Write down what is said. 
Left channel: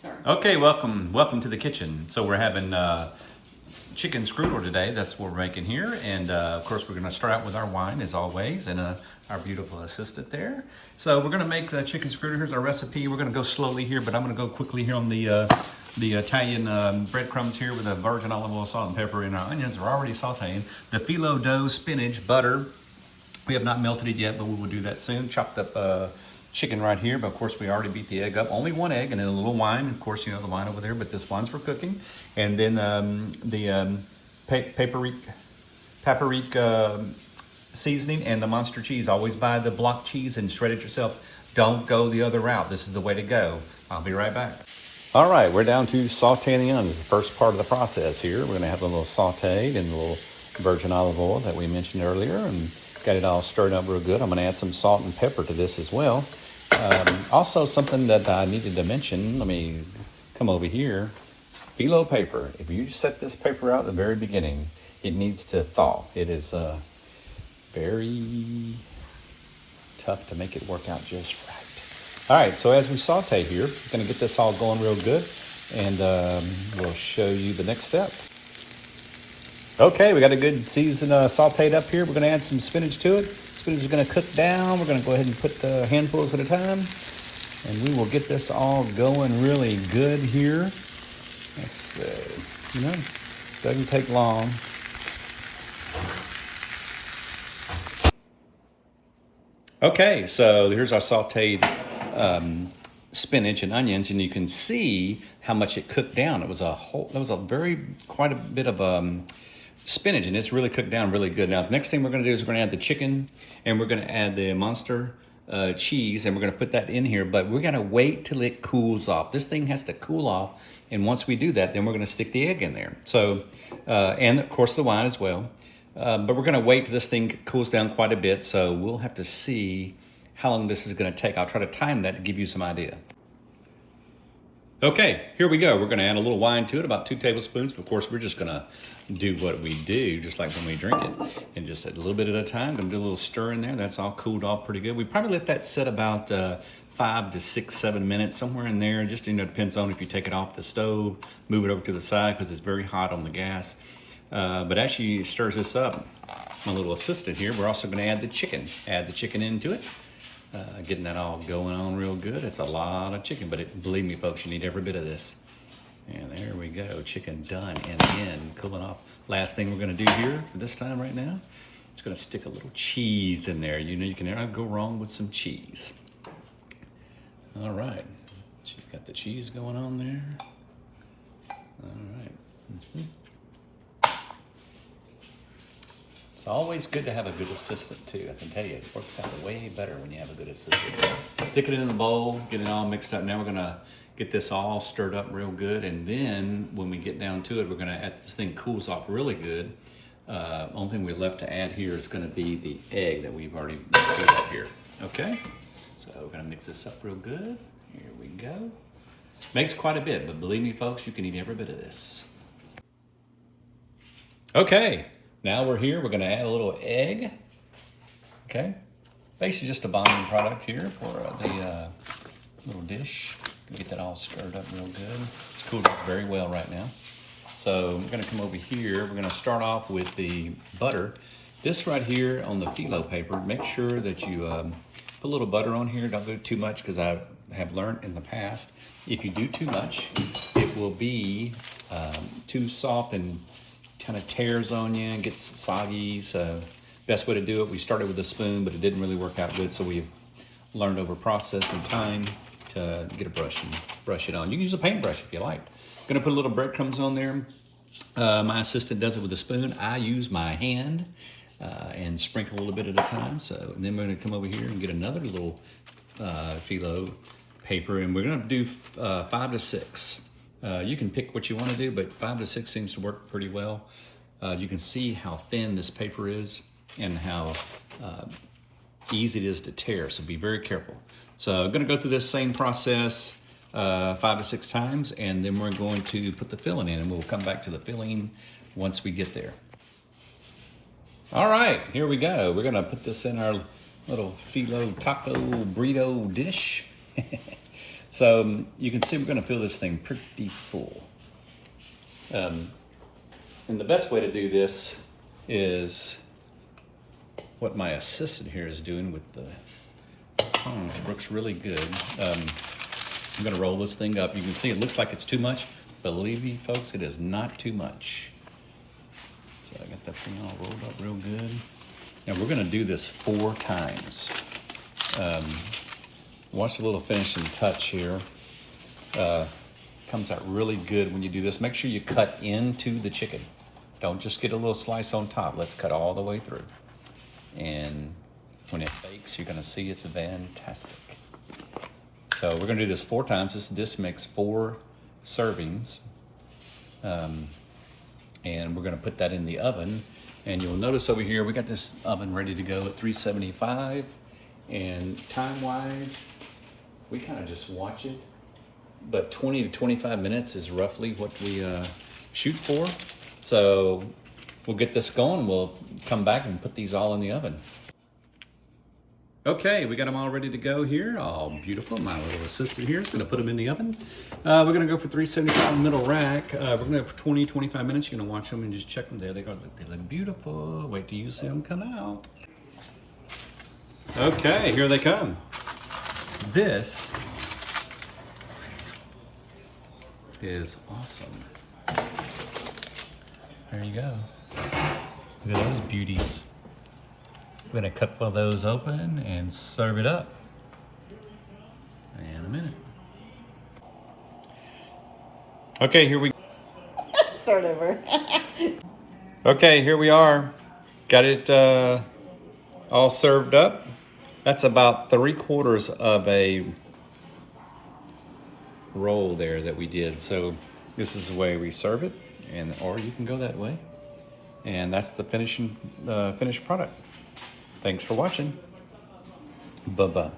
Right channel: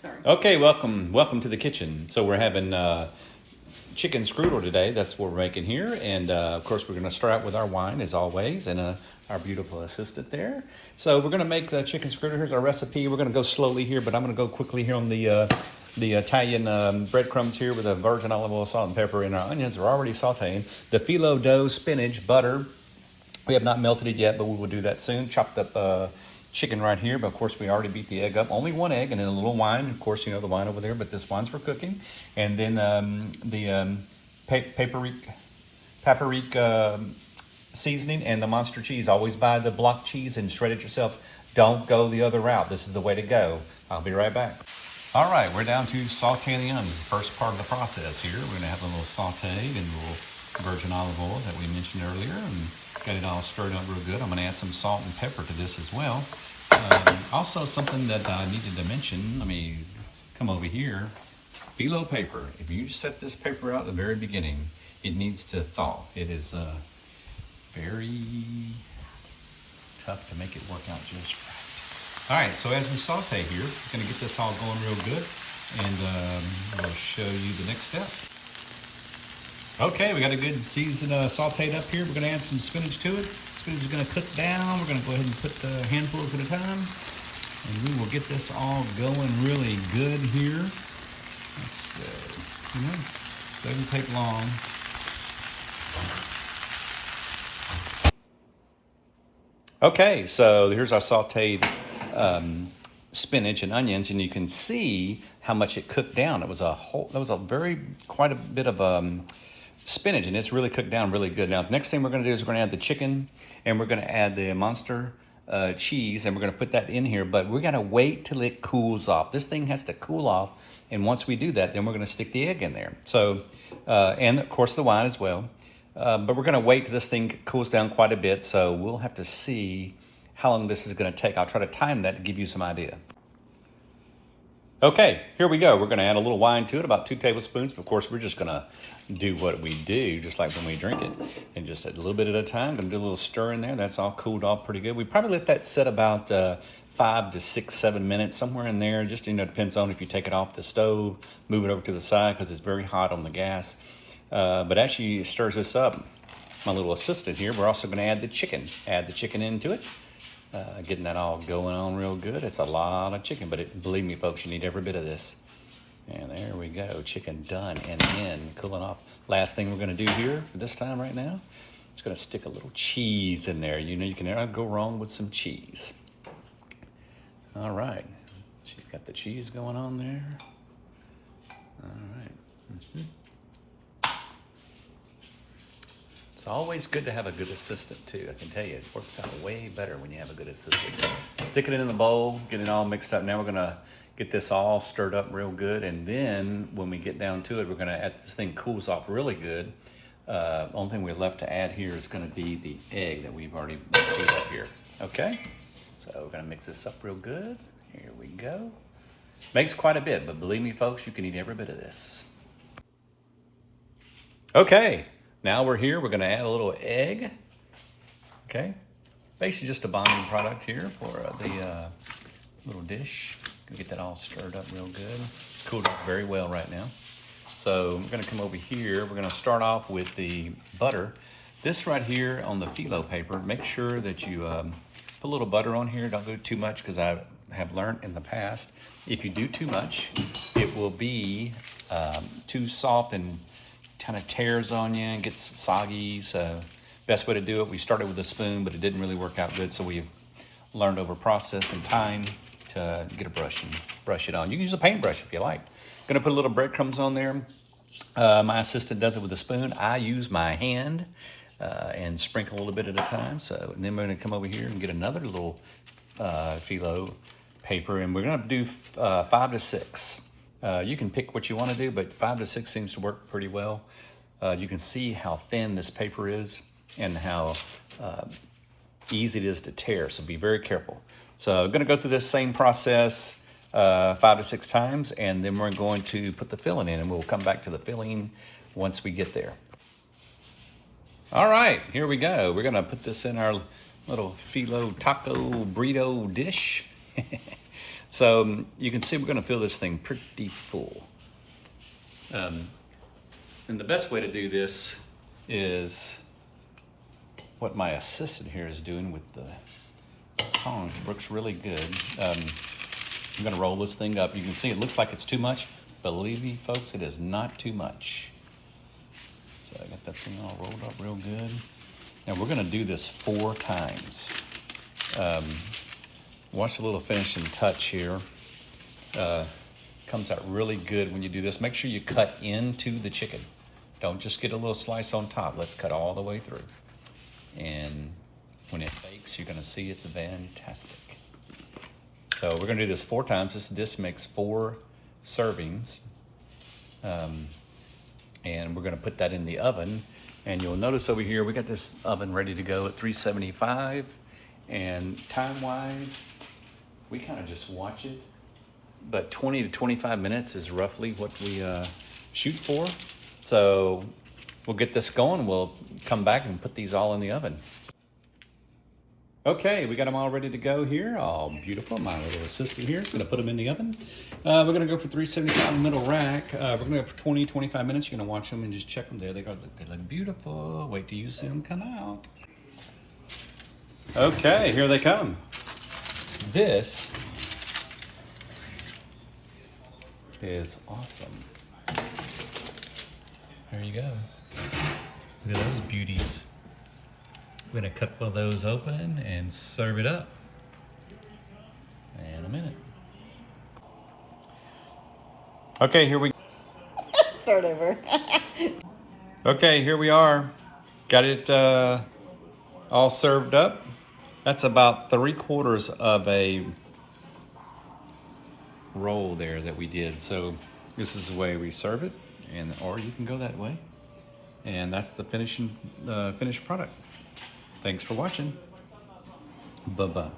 Sorry. Okay, welcome to the kitchen. So we're having chicken strudel today. That's what we're making here. And of course, we're gonna start out with our wine as always, and our beautiful assistant there. So we're gonna make the chicken strudel. Here's our recipe. We're gonna go slowly here, but I'm gonna go quickly here on the Italian breadcrumbs here with a virgin olive oil, salt and pepper, and our onions are already sauteing. The phyllo dough, spinach, butter. We have not melted it yet, but we will do that soon. Chopped up chicken right here, but of course we already beat the egg up. Only one egg and then a little wine. Of course, you know the wine over there, but this wine's for cooking. And then the paprika seasoning and the monster cheese. Always buy the block cheese and shred it yourself. Don't go the other route. This is the way to go. I'll be right back. All right, we're down to sauteing the onions. The first part of the process here. We're gonna have a little sauteed and a little virgin olive oil that we mentioned earlier, and got it all stirred up real good. I'm gonna add some salt and pepper to this as well. Also, something that I needed to mention, let me come over here. Phyllo paper. If you set this paper out at the very beginning, it needs to thaw. It is very tough to make it work out just right. All right, so as we saute here, we're gonna get this all going real good, and we'll show you the next step. Okay, we got a good season sauteed up here. We're gonna add some spinach to it. Spinach is gonna cook down. We're gonna go ahead and put the handfuls at a time, and we will get this all going really good here. Let's see, doesn't take long. Okay, so here's our sauteed spinach and onions, and you can see how much it cooked down. It was quite a bit of spinach, and it's really cooked down really good. Now, the next thing we're gonna do is we're gonna add the chicken, and we're gonna add the monster cheese, and we're gonna put that in here, but we're gonna wait till it cools off. This thing has to cool off, and once we do that, then we're gonna stick the egg in there. So, and of course the wine as well. But we're gonna wait till this thing cools down quite a bit, so we'll have to see how long this is gonna take. I'll try to time that to give you some idea. Okay, here we go. We're gonna add a little wine to it, about 2 tablespoons. But of course, we're just gonna do what we do, just like when we drink it. And just a little bit at a time, gonna do a little stir in there. That's all cooled off pretty good. We probably let that sit about 5 to 6, 7 minutes, somewhere in there. Just, depends on if you take it off the stove, move it over to the side, because it's very hot on the gas. But as she stirs this up, my little assistant here, we're also gonna add the chicken. Add the chicken into it. Getting that all going on real good. It's a lot of chicken, but believe me, folks, you need every bit of this. And there we go, chicken done and in, cooling off. Last thing we're gonna do here for this time right now, it's gonna stick a little cheese in there. You can never go wrong with some cheese. All right, she's got the cheese going on there. All right. It's always good to have a good assistant too. I can tell you, it works out way better when you have a good assistant. Stick it in the bowl, get it all mixed up. Now we're gonna get this all stirred up real good, and then when we get down to it, we're gonna add, this thing cools off really good. Only thing we left to add here is gonna be the egg that we've already made up here. Okay, so we're gonna mix this up real good. Here we go. Makes quite a bit, but believe me, folks, you can eat every bit of this. Okay. Now we're here, we're gonna add a little egg, okay? Basically just a bonding product here for the little dish. Get that all stirred up real good. It's cooled up very well right now. So we're gonna come over here, we're gonna start off with the butter. This right here on the phyllo paper, make sure that you put a little butter on here. Don't do too much, because I have learned in the past, if you do too much, it will be too soft and kind of tears on you and gets soggy. So best way to do it, we started with a spoon, but it didn't really work out good, so we've learned over process and time to get a brush and brush it on. You can use a paintbrush if you like. Gonna put a little breadcrumbs on there. My assistant does it with a spoon. I use my hand and sprinkle a little bit at a time. So, and then we're gonna come over here and get another little phyllo paper, and we're gonna do 5 to 6. You can pick what you want to do, but 5 to 6 seems to work pretty well. You can see how thin this paper is and how easy it is to tear, so be very careful. So I'm gonna go through this same process 5 to 6 times, and then we're going to put the filling in, and we'll come back to the filling once we get there. All right, here we go. We're gonna put this in our little phyllo taco burrito dish. So you can see we're gonna fill this thing pretty full. And the best way to do this is what my assistant here is doing with the tongs. It looks really good. I'm gonna roll this thing up. You can see it looks like it's too much. Believe me, folks, it is not too much. So I got that thing all rolled up real good. Now we're gonna do this 4 times. Watch the little finishing touch here. Comes out really good when you do this. Make sure you cut into the chicken. Don't just get a little slice on top. Let's cut all the way through. And when it bakes, you're gonna see it's fantastic. So we're gonna do this 4 times. This dish makes 4 servings. And we're gonna put that in the oven. And you'll notice over here, we got this oven ready to go at 375. And time-wise, we kind of just watch it. But 20 to 25 minutes is roughly what we shoot for. So we'll get this going. We'll come back and put these all in the oven. Okay, we got them all ready to go here. All beautiful. My little assistant here is going to put them in the oven. We're going to go for 375 middle rack. We're going to go for 20, 25 minutes. You're going to watch them and just check them. There they go. They look beautiful. Wait till you see them come out. Okay, here they come. This is awesome. There you go. Look at those beauties. We're gonna cut one of those open and serve it up in a minute. Okay, here we Start over. Okay, here we are. Got it all served up. That's about 3/4 of a roll there that we did. So this is the way we serve it, and or you can go that way. And that's the finished product. Thanks for watching. Bye-bye.